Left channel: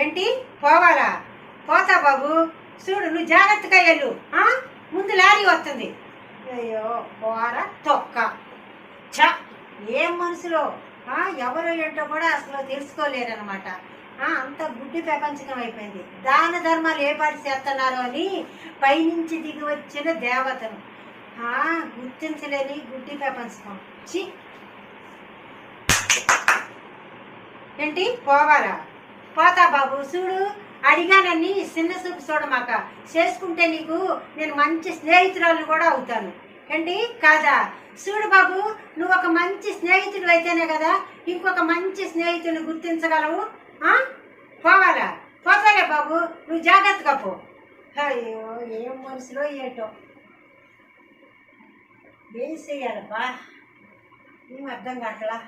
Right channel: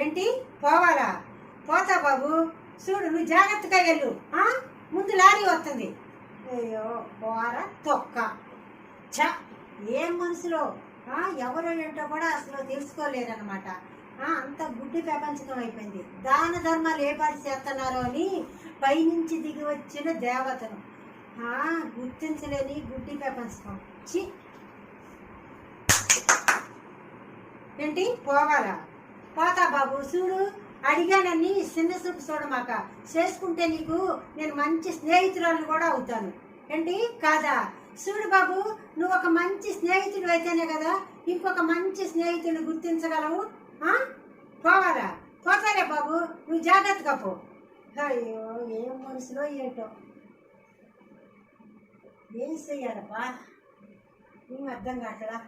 ఏంటి పోవాలా? పోతా బాబు. చూడు నువ్వు జాగ్రత్తగా వెళ్ళు. ముందు లారీ వస్తుంది. అయ్యో పోర తొక్క. చ ఏం మనసులో ఎవరు ఏంటో కూడా అసలు తెలుసుకోలేరనమాట. అంత గుడ్డి ప్రపంచకం అయిపోయింది. దాన ధర్మాలు ఏ పాటి చేస్తున్నారు అని పైనుంచి దిగి వచ్చిన దేవతను గుర్తించలేని గుడ్డి ప్రపంచకం. చి ఏంటి పోవాలా? పోతా బాబు. చూడు అడిగానని చిన్న చూపు చూడమాక. చేసుకుంటే నీకు నేను మంచి స్నేహితురాలు కూడా అవుతాను. ఏంటి కాదా? చూడు బాబు, నువ్వు ఒక మంచి స్నేహితుడు అయితేనే కదా ఇంకొక మంచి స్నేహితుడిని గుర్తించగలవు. పోవాలా? పోతాలే బాబు, నువ్వు జాగ్రత్తగా పో. అయ్యో ఏం మనసులో ఏటో ఏం చెయ్యాలబ్బా, ఏం అర్థం కావట్లా.